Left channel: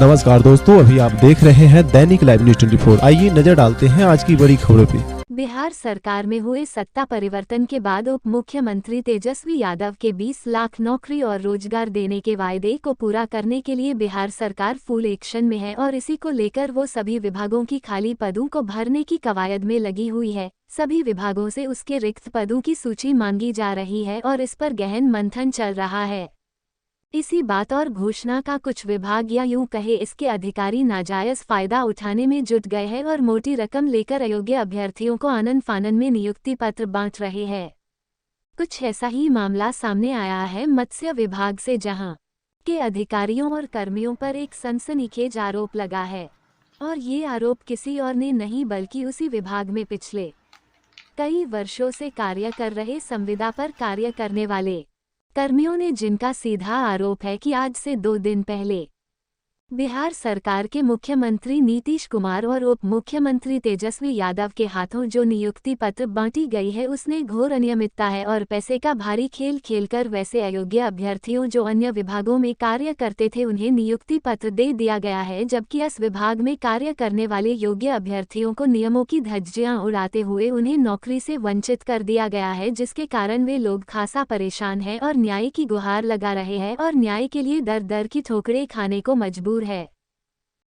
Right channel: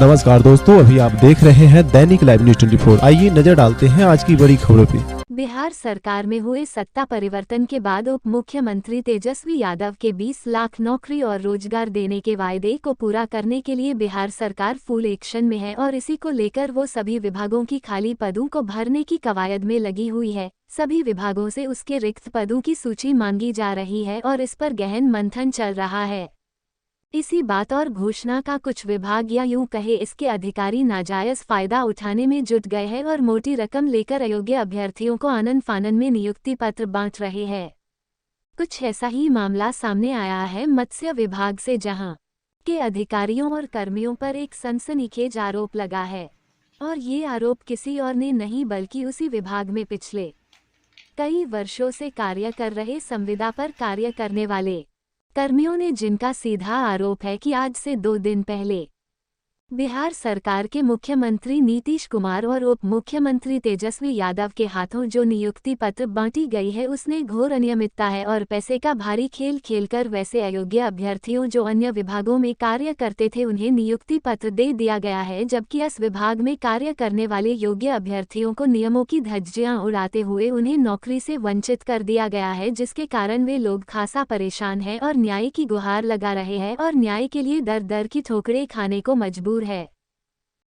नमस्कार दोस्तों, अभी आप देख रहे हैं दैनिक लाइव न्यूज 24। आइए नजर डालते हैं आज की बड़ी खबरों पे। बिहार सरकार में हुए सत्ता परिवर्तन के बाद उप मुख्यमंत्री तेजस्वी यादव के 20 लाख नौकरी और रोजगार देने के वायदे को पूरा करने के लिए बिहार सरकार फुल एक्शन में है और इसी को लेकर वो सभी विभागों की खाली पदों को भरने की कवायद में लगी हुई है। सभी विभागों से उसके रिक्त पदों की सूची मांगी जा रही है और इस पर गहन मंथन चल रहा है। इसी बात और घोषणा का कुछ विभाग या यूं कहे इसके अधिकारी नाजायज फायदा उठाने में जुट गए हैं और मोटी रकम लेकर अयोग्य अभ्यर्थियों को आनन फानन में नियुक्ति पत्र बांट रहे हैं। कुछ ऐसा ही मामला सामने आया है मत्स्य विभाग से, जहां के अधिकारियों और कर्मियों पर एक सनसनीखेज आरोप लगा है और ये आरोप किसी और ने नहीं बल्कि उसी विभाग में पिछले कई वर्षों से कार्य कर रहे संविदा पर कार्य करने वाले कर्मियों ने, जिनका सीधा आरोप है कि आज से 2 दिन पहले बिहार सरकार के मुख्यमंत्री नीतीश कुमार और उप मुख्यमंत्री तेजस्वी यादव के हाथों जो नियुक्ति पत्र बांटी गई है उसने घोर अनियमितता है और पैसे का भारी खेल खेलकर वैसे अयोग्य अभ्यर्थियों जो अन्य विभागों में कार्य करते थे उन्हें नियुक्ति पत्र दे दिया गया है, जबकि इस विभाग में कार्य करने वाले योग्य अभ्यर्थियों को नियमों की धज्जियां उड़ाते हुए उन्हें नौकरी से वंचित कर दिया गया है, जिसके कारण वे लोग खासा परेशान हैं और न्याय की गुहार लगा रहे हैं और न्याय के लिए दर दर की ठोकरें खाने को मजबूर है।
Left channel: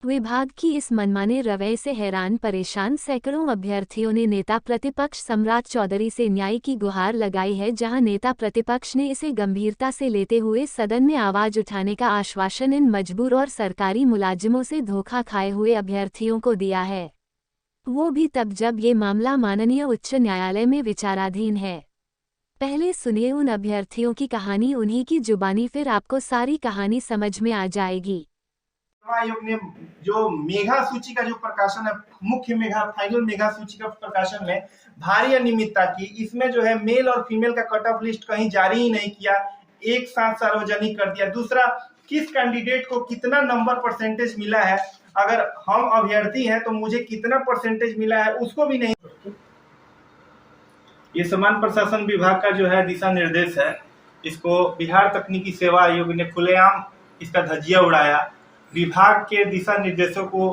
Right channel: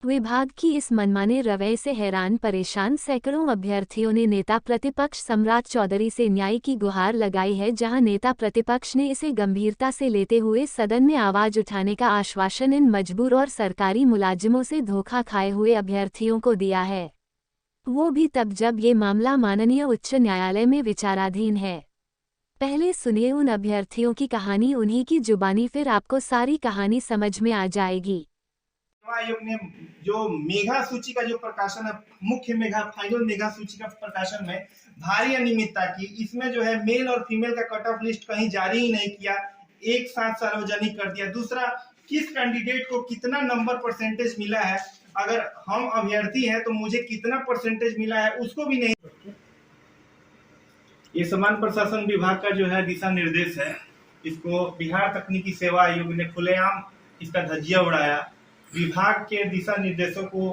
विभाग की इस मनमाने रवैये से हैरान परेशान सैकड़ों अभ्यर्थियों ने नेता प्रतिपक्ष सम्राट चौधरी से न्याय की गुहार लगाई है, जहां नेता प्रतिपक्ष ने इसे गंभीरता से लेते हुए सदन में आवाज उठाने का आश्वासन इन मजबूर और सरकारी मुलाजिमों से धोखा खाए हुए अभ्यर्थियों को दिया है, वो भी तब जब ये मामला माननीय उच्च न्यायालय में विचाराधीन है। पहले सुनिए उन अभ्यर्थियों की कहानी उन्हीं की जुबानी, फिर आपको सारी कहानी समझ में आ जाएगी। आयोग ने जो मेगा सूची का जो प्रकाशन है, मुख्य मेगा फाइनल मेगा सूची का प्रकाशन में भारी अनियमितता की। इसमें जो है मेल और फीमेल का कट ऑफ लिस्ट कहीं जारी ही नहीं किया, एक साथ सार्वजनिक कर दिया। दूसरा, किस कैंडिडेट को कितना नंबर परसेंटेज मिला है, अगर हम अभ्यर्थी हैं तो मुझे कितना परसेंटेज मिला है उसको भी नहीं। ये समान प्रशासन विभाग का जो है दिशा निर्देश है, इसको बिहार तकनीकी सेवा आयोग ने खुलेआम इसका धज्जिया उड़ाया। विभाग के दिशा निर्देशों को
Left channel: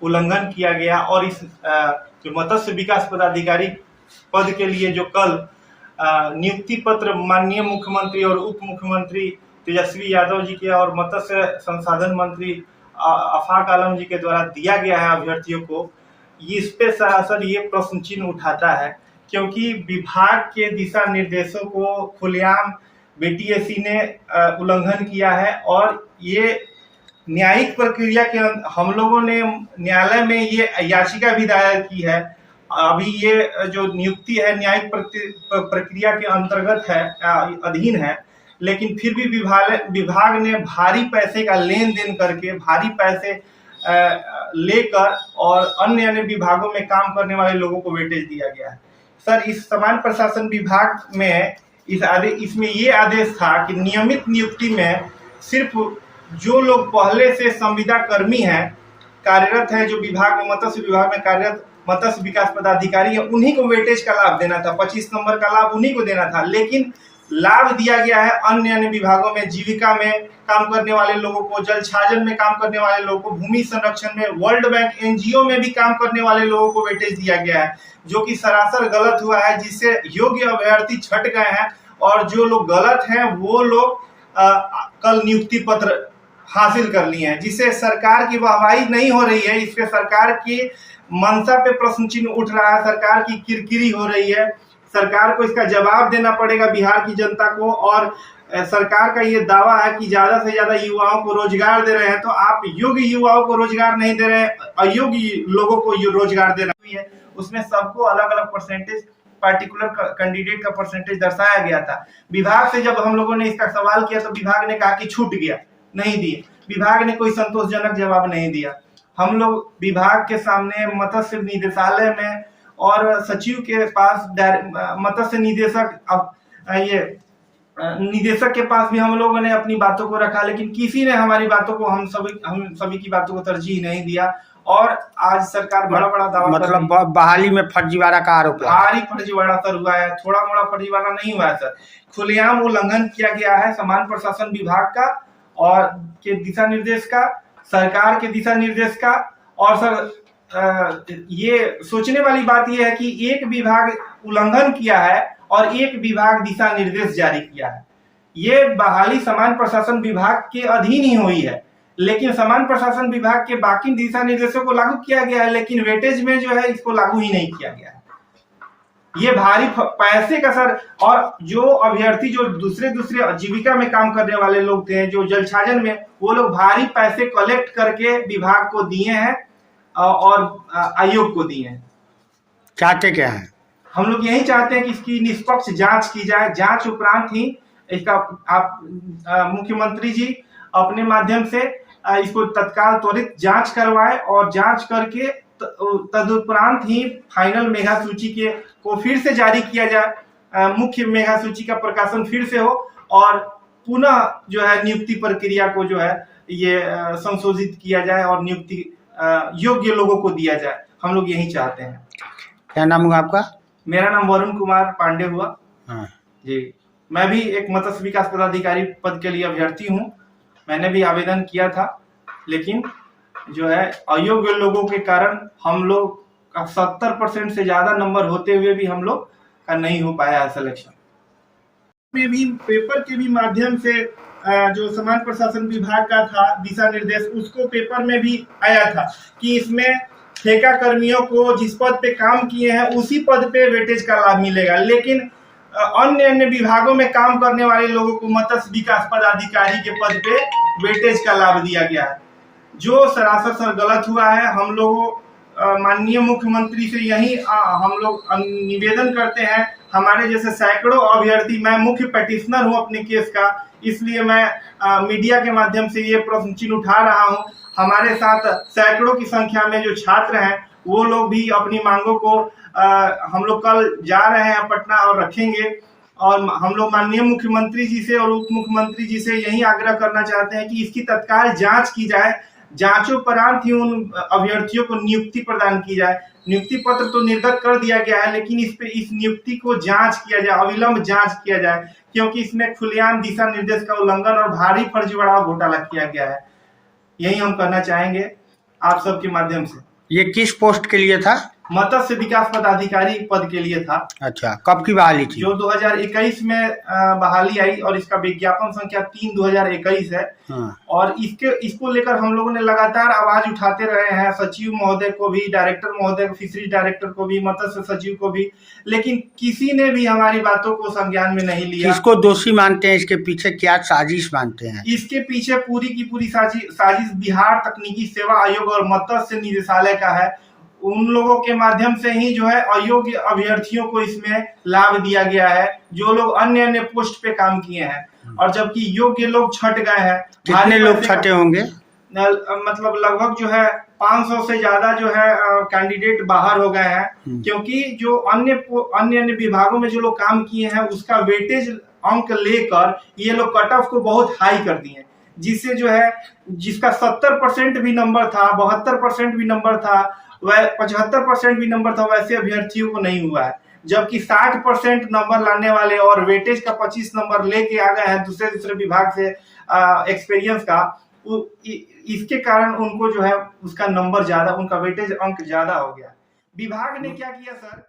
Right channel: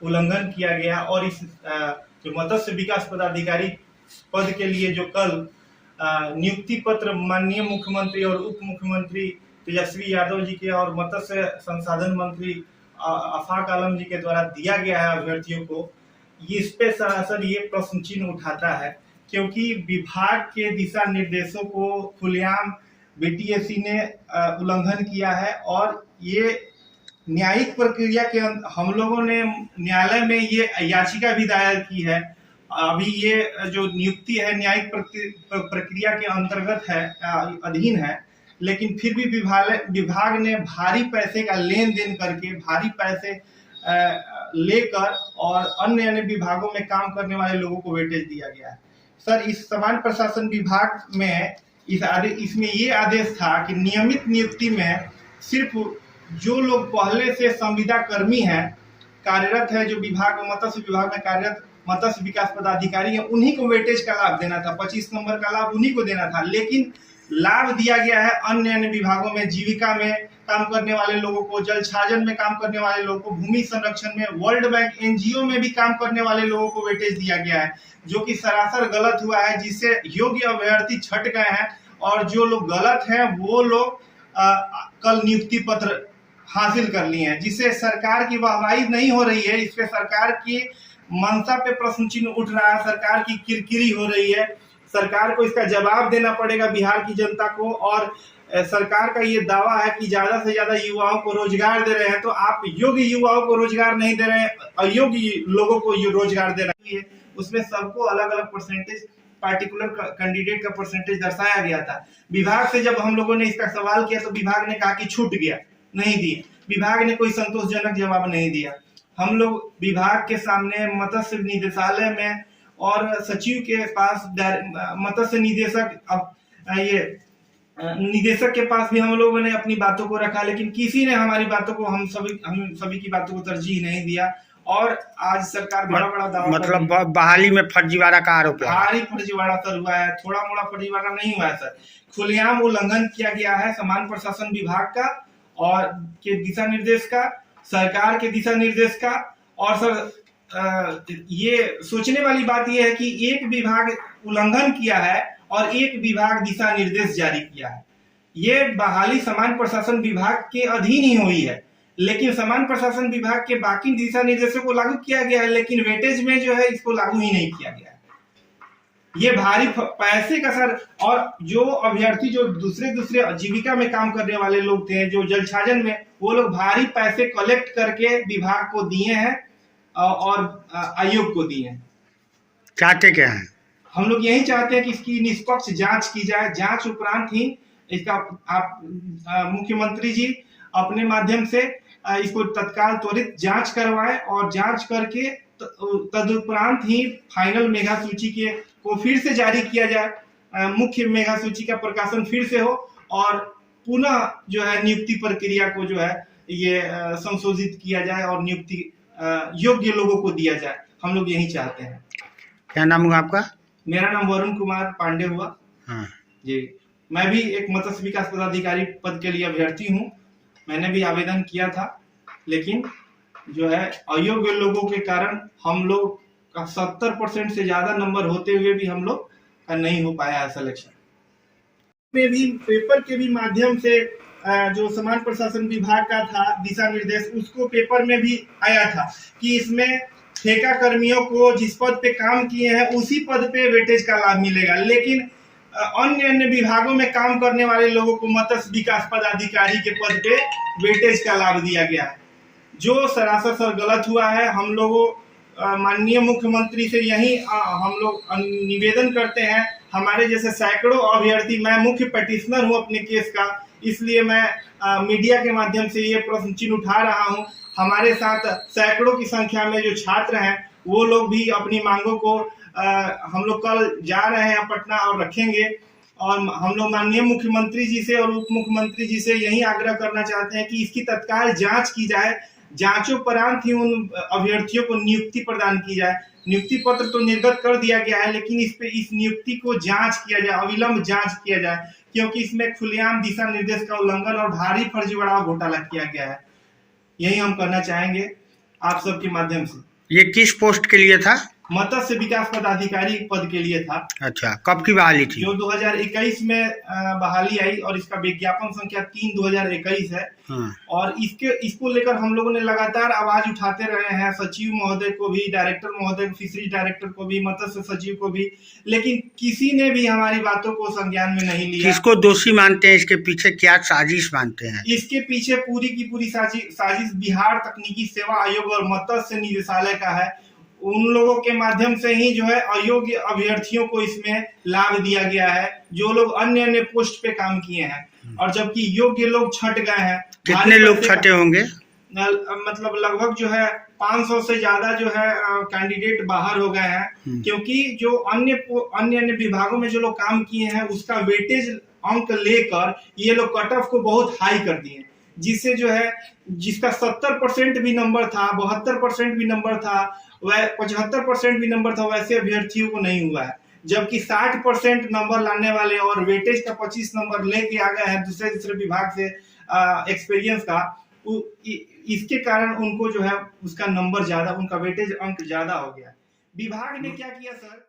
उल्लंघन किया गया और इस जो मत्स्य विकास पदाधिकारी पद के लिए जो कल नियुक्ति पत्र माननीय मुख्यमंत्री और उप मुख्यमंत्री तेजस्वी यादव जी के और मत्स्य संसाधन मंत्री आफाक आलम जी के द्वारा दिया गया है अभ्यर्थियों को, इस पे सरासर ये प्रश्न चिन्ह उठाता है, क्योंकि विभाग के दिशा निर्देशों को खुलेआम बीटीएससी ने उल्लंघन किया है और ये न्यायिक प्रक्रिया के हम लोगों ने न्यायालय में ये याचिका भी दायर की है। अभी ये जो नियुक्ति है न्यायिक प्रक्रिया के अंतर्गत है, अधीन है, लेकिन फिर भी विभाग ने भारी पैसे का लेन देन करके, भारी पैसे लेकर और अन्य विभागों में काम करने वाले लोगों को वेटेज दिया गया है। सर, इस समान प्रशासन विभाग में इसमें ये आदेश था कि नियमित नियुक्ति में सिर्फ जो लोग पहले से संविदा कर्मी हैं, कार्यरत हैं, जो विभाग में मत्स्य विभाग में कार्यरत मत्स्य विकास पदाधिकारी है, उन्हीं को वेटेज का लाभ देना था, 25 नंबर का लाभ उन्हीं को देना था। लेकिन लाभ दिया गया है अन्य विभागों में, जीविका में काम करने वाले लोगों को, जल छाजन में काम करने वाले लोगों को, भूमि संरक्षण में, वर्ल्ड बैंक एनजीओ में भी काम करने वाले लोगों को वेटेज दिया गया है, जो कि सरासर गलत हुआ है, जिससे योग्य अभ्यर्थी छट गए हैं और जो लोग गलत हैं वो लोग कल नियुक्ति पत्र हासिल कर लिए हैं, जिससे सरकार की वाहवाही नहीं हो रही है। इससे सरकार की मंशा पे प्रश्न चिन्ह उठ रहा है, सरकार की किरकिरी हो रही है। सरकार को इसका जवाब देना पड़ेगा बिहार की जनता को। और सरकार का ये दावा है कि ज्यादा से ज्यादा युवाओं को रोजगार दे रहे हैं, तो आप योग्य युवाओं को रोजगार नहीं दे रहे हैं, अयोग्य लोगों को रोजगार दे रहे हैं। उसमें सबको अलग अलग परसेंटेज, पार्टिकुलर कैंडिडेट का परसेंटेज दर्शाया गया था। विभाग से जब हम लोगों ने इसका सवाल किया तो विभाग ने कहा कि छूट गया, नहीं दिए। विभाग ने कोई संतोषजनक जवाब नहीं दिया। हम लोग विभाग के सामने मत्स्य निदेशालय में और सचिव के पास, मत्स्य निदेशक के पास भी हम लोगों ने अपनी बातों को रखा, लेकिन किसी ने हमारी बातों को, हम सभी की बातों को तरजीह नहीं दिया। और आज सरकार बड़ा दावा, मतलब बहाली में फर्जीवाड़ा का आरोप है। भारी फर्जीवाड़ा सर हुआ है, थोड़ा मोड़ा फर्जीवाड़ा नहीं हुआ है सर, खुलेआम उल्लंघन किया गया है समान प्रशासन विभाग का और के दिशा निर्देश का सरकार के दिशा निर्देश का। और सर ये सोचने वाली बात यह है कि एक विभाग उल्लंघन किया है और एक विभाग दिशा निर्देश जारी किया है। ये बहाली सामान्य प्रशासन विभाग के अधीन ही हुई है, लेकिन सामान्य प्रशासन विभाग के बाकी दिशा निर्देशों को लागू किया गया है, लेकिन वेटेज में जो है इसको लागू ही नहीं किया गया है। ये भारी पैसे का सर, और जो अभ्यर्थी जो दूसरे जीविका में काम करने वाले लोग थे, जो जलछाजन में, वो लोग भारी पैसे कलेक्ट करके विभाग को दिए हैं और आयोग को दिए हैं। चाहते क्या है? हम लोग यही चाहते हैं कि इसकी निष्पक्ष जांच की जाए। जांच उपरांत ही इसका आप मुख्यमंत्री जी अपने माध्यम से इसको तत्काल त्वरित जांच करवाए और जांच करके तदुपरांत ही फाइनल मेगा सूची को फिर से जारी किया जाए। मुख्य मेगा सूची का प्रकाशन फिर से हो और पुनः जो है नियुक्ति प्रक्रिया को जो है ये संशोधित किया जाए और नियुक्ति योग्य लोगों को दिया जाए। हम लोग यही चाहते हैं। क्या नाम हुआ आपका? मेरा नाम वरुण कुमार पांडे हुआ। हाँ जी, मैं भी एक मत्स्य विकास पदाधिकारी पद के लिए अभ्यर्थी हूँ। मैंने भी आवेदन किया था, लेकिन जो है अयोग्य लोगों के कारण हम लोग का 70% से ज्यादा नंबर होते हुए भी हम लोग का नहीं हो पाया सिलेक्शन में। भी पेपर के भी माध्यम से जो समाज प्रशासन विभाग का था दिशा निर्देश, उसको पेपर में भी आया था कि इसमें ठेका कर्मियों को जिस पद पे काम किए हैं उसी पद पे वेटेज का लाभ मिलेगा, लेकिन अन्य विभागों में काम करने वाले लोगों को मत्स्य विकास पदाधिकारी के पद पे वेटेज का लाभ दिया गया है, जो सरासर गलत हुआ है। हम लोगों माननीय मुख्यमंत्री से यही हम लोग निवेदन करते हैं। हमारे जैसे सैकड़ों अभ्यर्थी, मैं मुख्य पेटिशनर हूं अपने केस का, इसलिए मैं मीडिया के माध्यम से ये प्रश्न चिन्ह उठा रहा हूं। हमारे साथ सैकड़ों की संख्या में जो छात्र हैं वो लोग भी अपनी मांगों को हम लोग कल जा रहे हैं पटना और रखेंगे। और हम लोग माननीय मुख्यमंत्री जी से और उप मुख्यमंत्री जी से यही आग्रह करना चाहते हैं कि इसकी तत्काल जांच की जाए। जांचोपरांत ही उन अभ्यर्थियों को नियुक्ति प्रदान की जाए। नियुक्ति पत्र तो निर्गत कर दिया गया है, लेकिन इस नियुक्ति को जांच किया जाए, अविलंब जांच किया जाए, क्योंकि इसमें खुलेआम दिशा निर्देश का उल्लंघन और भारी फर्जीवाड़ा घोटाला किया गया है। यही हम कहना चाहेंगे आप सबके माध्यम से। ये किस पोस्ट के लिए था? मत्स्य विकास पदाधिकारी पद के लिए था। अच्छा, कब की बहाली थी? जो 2021 में बहाली आई और इसका विज्ञापन संख्या 3/2021 है। हाँ। और इसको लेकर हम लोगों ने लगातार आवाज उठाते रहे हैं, सचिव महोदय को भी, डायरेक्टर महोदय को, फिशरीज डायरेक्टर को भी, मत्स्य सचिव को भी, लेकिन किसी ने भी हमारी बातों को संज्ञान में नहीं लिया। किसको दोषी मानते हैं? इसके पीछे क्या साजिश मानते हैं? इसके पीछे पूरी की पूरी साजिश बिहार तकनीकी सेवा आयोग और मत्स्य निदेशालय का है। उन लोगों के माध्यम से ही जो है अयोग्य अभ्यर्थियों को इसमें लाभ दिया गया है, जो लोग अन्य पोस्ट पे काम किए हैं, और जबकि योग्य लोग छट गए हैं। कितने लोग छटे होंगे? मतलब लगभग जो है 500 से ज्यादा जो है कैंडिडेट बाहर हो गए हैं, क्योंकि जो अन्य विभागों में जो लोग काम किए हैं उसका वेटेज अंक लेकर ये लोग कट ऑफ को बहुत हाई कर दिए, जिससे जो है जिसका 70% भी नंबर था, 72% भी नंबर था, वह 75% भी नंबर था, वैसे अभ्यर्थियों को नहीं हुआ है। जबकि 60% नंबर लाने वाले और वेटेज का 25 नंबर लेके आ गए हैं दूसरे विभाग से एक्सपीरियंस का, इसके कारण उनको जो है उसका नंबर ज्यादा, उनका वेटेज अंक ज्यादा हो गया। विभाग ने क्या किया सर?